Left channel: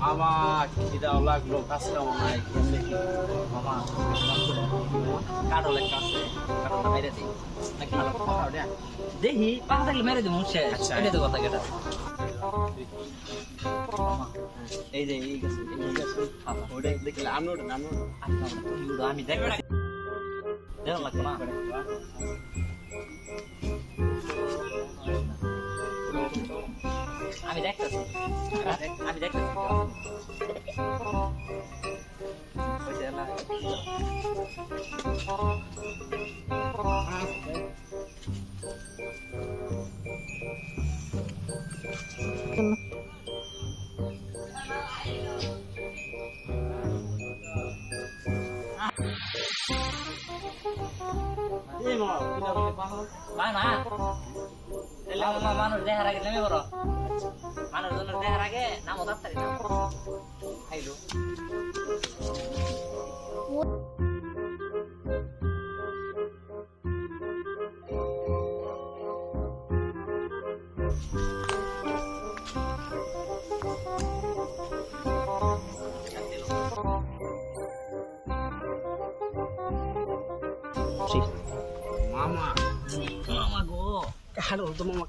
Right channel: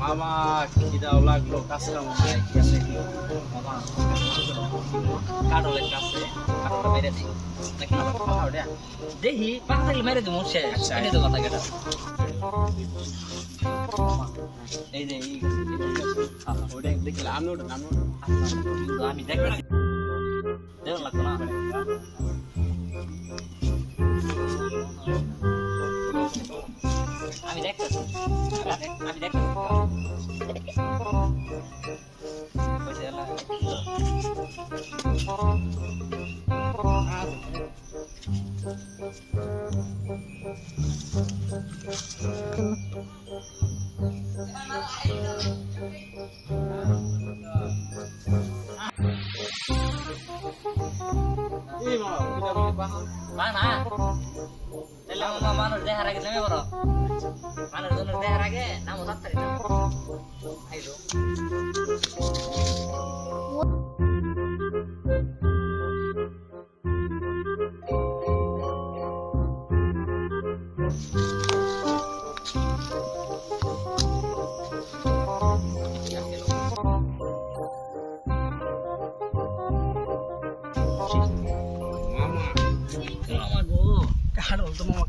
মামা খিদাও লাগলো, কাছে নাই কেমনে কি মামা কাটলের কাছে কাটটা মেরে দিই নাকি দেখি পাখা থাকলে মেরে দিই মুছে এটা তো কথা কেটা এই যে এই ওটা দেখলে আমি আমি দেখতেছি দেখুন লাগতো না আমি দেখতেছি আমি দেখতেছি মানুষ দেখার আগে নেমে বড় মানুষ দেখার আগে নামো তাড়াতাড়ি খাইলো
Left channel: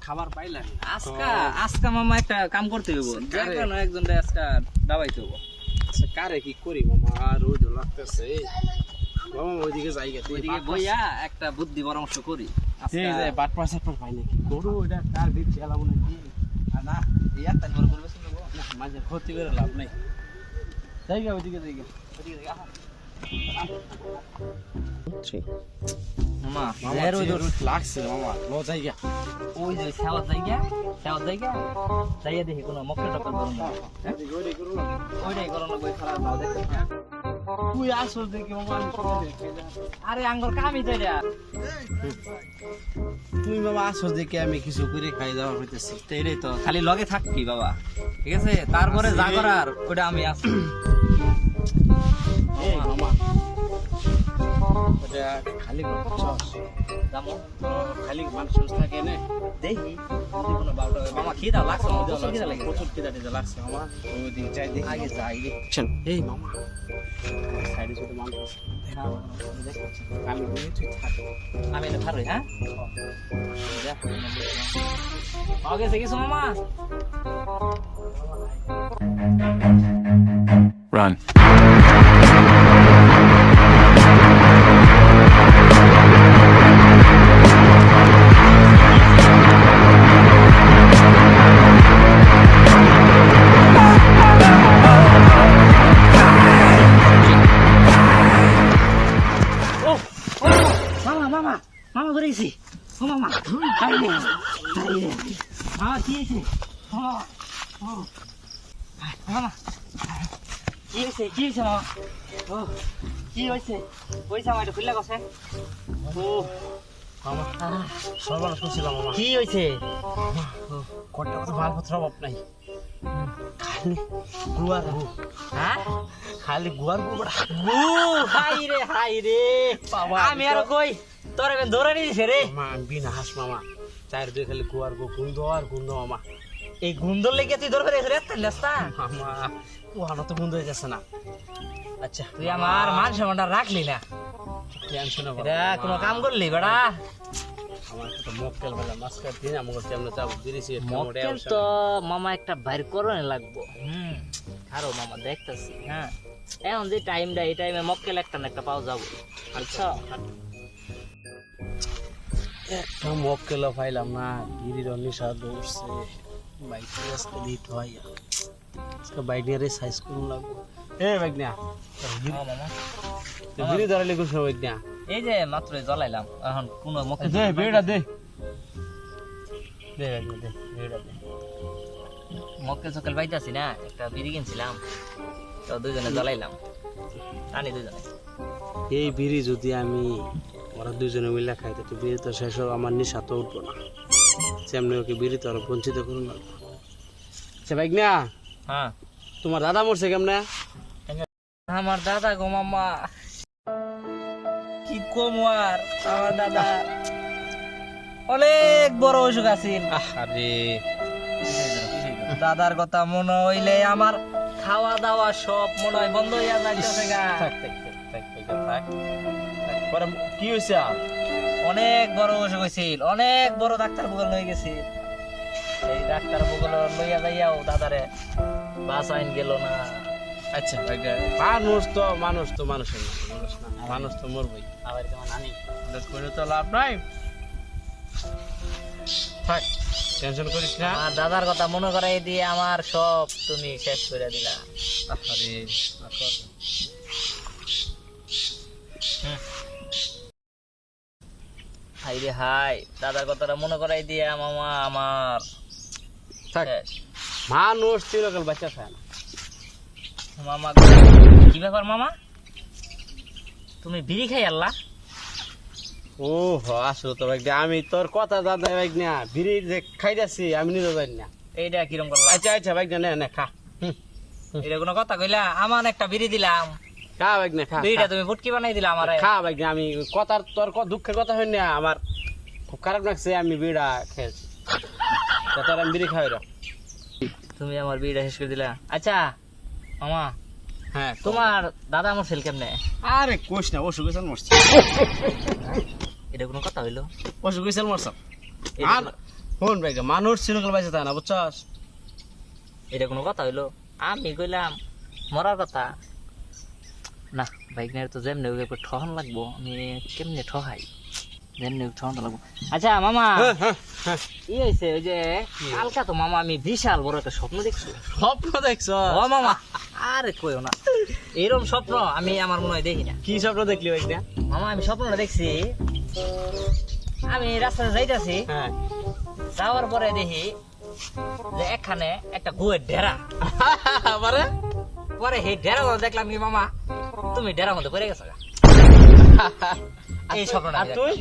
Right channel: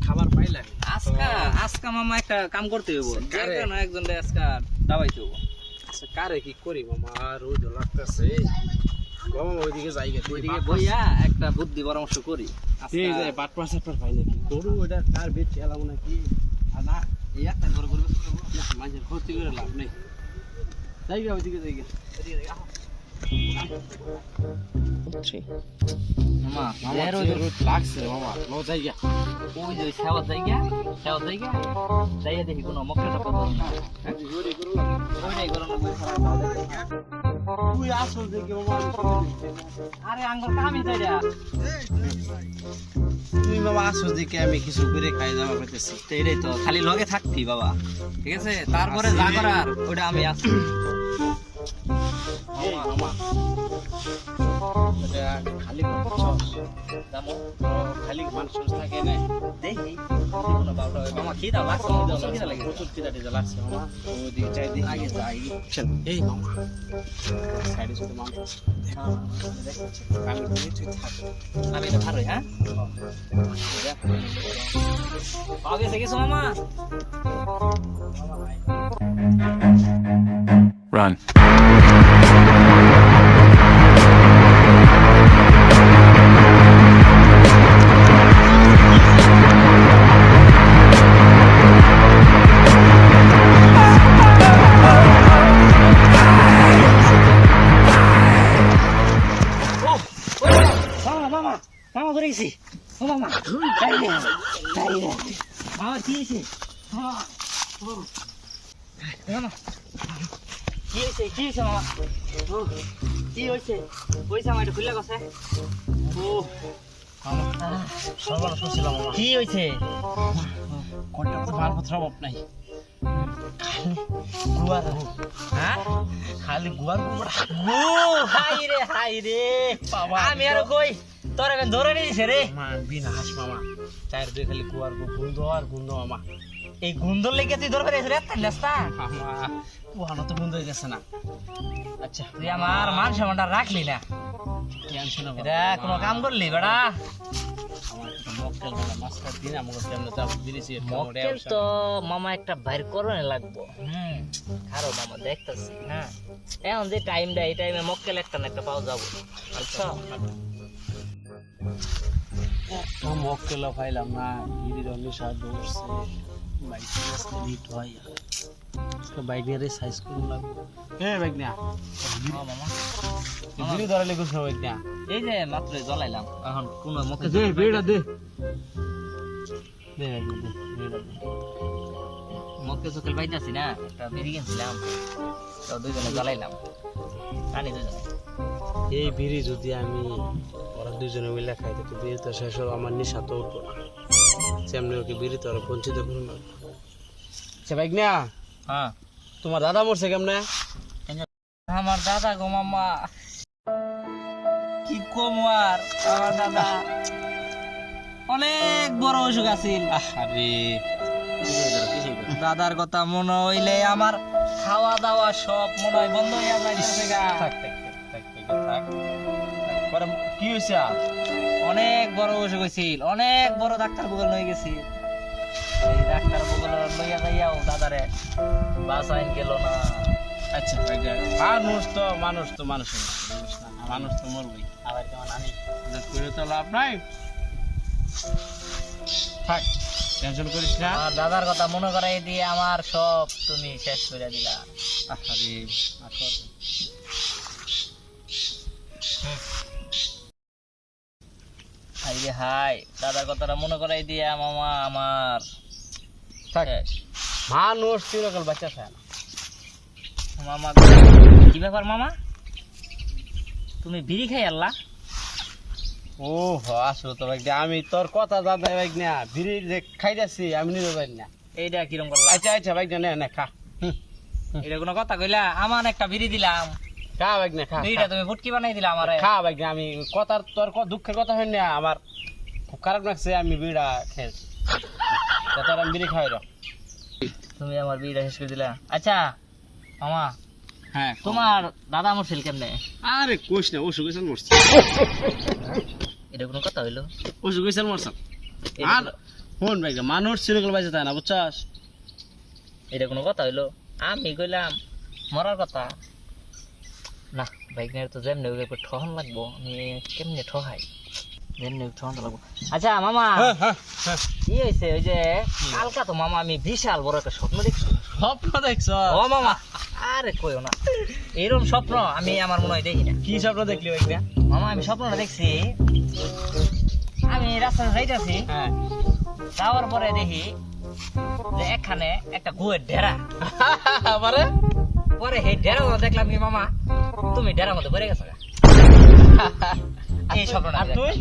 খাবার পাইলেন আজকা মামা একটা কাম করতে হইব একজন আজকা দাবাইতে হইব কারে কি করি মামা, রোদ লাগতেছে মামা। ওইদিকে যাইগে ওইদিকে বইয়া একটা বুদ্ধি পরামর্শ করি বাট পাশে পাই নাকি গরু এটা তার বেশ খেলাবো নাকি না এই একটা বড় করবে মাঝে ক্ষতি করে লাভ নেই। যাইগে ওইদিকে যাইগে মামা লাগছে মামা নো জায়গা ওই যে সেওয়ার জায়গা যাইয়া দেখি কোনো মক্কা টক্কা ওইটাই করো না তুই আসল দেখে মামা আরে আঙ্গুর কামি যাইয়া তুই বাবা আসল দেখে আমি কিছু করে খাই যাওয়া হইতেছি। এটাই তো খালি লগে থাকবি বাবা, ঠিক আছে? তারপরে যা করার ওটা আমি আছি। খালি খালি মানুষ থাকে না দেখি মামা খিদা লাগছে, খিদা লাগে প্রচুর খিদা টিদা লাগছে মামা। ওদিকে যাই দেখি আগে যাই চল। এই মামা সাইডে ছোট মানুষ আছে, আমি বলি তুই থাক, আমি এটা ভালোই। হ্যাঁ পাওয়া গেছে কিছু মামা? Run. মামা ধরে গেছি। ও মামা মামা কি হয়েছে? মামা কি হয়েছে মামা? ও কি হয়েছে? পয়সা আমার খুললে গেছে। ও মামা সর্বনাশ করছিলাম মামা। কি হয়েছে? কোনটা তো মালপত্র অভাব নাই, খালি গুয়ার। হ্যাঁ খালি গুয়ার গুড়া। হাই রে বাবা, আমি আর কই তোর এখন ধরে নিয়েছে রে মা। বিনা হাস মামা, চার দিয়ে খালি গুয়ার গন্ধ আর গন্ধ মামা। এই গন্ধর লেগে তুই ধরবে রে নাস্তা মামা ওখানে তো বন্ধ হয়ে গেছে না। আচ্ছা তুই আমার মান সম্মানটা রাখলি না, টেনশন কোনো কাম করলি বেড়া? আমার একটা মক্কেল বলে মাছ কাট দিন আমাকে কেমন চাপ দিয়েছি। মক্কেল তো মামা একটা বাইর করনে লাগবো। আরো মামা দেখতেছি। হ্যাঁ এখন যে টাইমটা, এই টাইমে মক্কেল একটা না একটা পাওয়া যাবো। আচ্ছা একটা মক্কেল পাইলাম না, গিরির অনুসার দৌড়ছে বাইকে আজকে লিট হয়। আজকে বাইকের সাইজ করুন লাগবো। বাইক না মামা গিরি ধরালে কিছু বাইক না। এই যে মাত্র জ্বলাইলাম, এখন কোন মক্কেল দে বেড়া দে দে বাইক দে বেড়া দে। মক্কেল সকাল পাইতাছি না, একটা বিড়ি কিনছিলাম তো দুইজনে জ্বালাইলাম, টানি দুজনে। এই বিড়ি যদি আমি ওরা দুজনে মিলে খাই তো বিড়ি তো শেষ হোক, আমার নিশা তো উঠবো না। সেমনি ওকে বিড়ি তো আর বঞ্চিত করুন না। আচ্ছা বাইক না, হ্যাঁ তোমার দাদা মরছে কেমনে? আমার দাদা গো মামা, কি কম আর আমার দাদা অনেক বড় অসুখ আছিল। আরে দাদার কথা মনে হইলে আমার খাওয়া দাওয়া সব মনে হয় বন্ধ হইয়া যাইতেছে গা। কি হয়েছে? অনেক বড় অসুখ হয়েছিল, অনেক বড় ডাক্তার বগল হয়ে গেছি। এই ডাক্তার বগল লইয়া যাইয়াও দাদারে বাঁচাইন গেল না। আচ্ছা মানুষ তো মানুষের না, মানুষ তো মরবই। আবার কেমন আনি করে তো লাভ নাই, থাক টেনশন করিস না। আমার দাদার কথা মনে করাই দিয়ে আমার সব তুমি শেষ করে দিলা। আরে হাই রে হাই, দাদার কথাটা মনে করাই দিয়ে মামা আমার থাক, শেষ। মানুষ চিরকাল বাচ্চা খায় না। মামা কি ব্যাপার মামা, তুমি বিড়ি খাই আল্লাহ? ও আসলে তো ভাই আমি তোর কথা দাদা ভাই না, বিড়ি যে খাইতেছি আমি নিজে জানি না। এইটা কিরম করলা? আচ্ছা আচ্ছা ভাই না না খা, এটা কোনো কথা কইলা? আমার একটা বিড়ি দিলাম, খা ভাই না খা, বিড়িটা তুমি ফুটকি বানাই দিলা আমারে। খা ভাই না। আমি কথার তোর দুঃখের কথা হয় না, আমার খুব খারাপ লাগছে, আমি বিড়া খেয়েছি, তোর আমি বিড়ি খাই রা। তুমি আমার বিড়িটা শেষ করে দিলা। আচ্ছা মামা, হ্যাঁ তোমার দাদা মরছিল কেমনে? আরে কোশ না, অসুখ হয়েছে মরছে, এটা কোনো কথা হইলো? অসুখ হয়েছে মরছে। এটা আর ফোন ভাই মানুষ চিরকাল বাঁচে থাকে না, বুঝছাস? এটা কোনো কথা হইলো? আমি কইলাম মরার কথা না, বাইক নিয়ে তো যেমনি ঠহন লাগবো, আমি কেমনে ঠহাই, যেমনি ঠহন লাগবো। আচ্ছা মামা, কি হয়েছে ওই যে কালকা তো মামা আমি বিশাল বড় একটা স্বপ্ন দেখছি। স্বপ্ন দেখছ? ও মামা আরে কইও না, এরকম স্বপ্ন আমি আমার মনে হয় দেখি না। কি স্বপ্ন দেখলি ভাই না? মামা আমি স্বপ্নটা দেখছি, আমি রাস্তায় যাইতাছি, হ্যাঁ যাওয়ার পরে দেখি যে এখানে একটা গুয়ের ডেরা। আবারে পরে এই ডেরা দেখলাম কি মামা তুমি ডেরার মধ্যে পড়ে গেছো গা। এই স্বপ্নটা আর তুই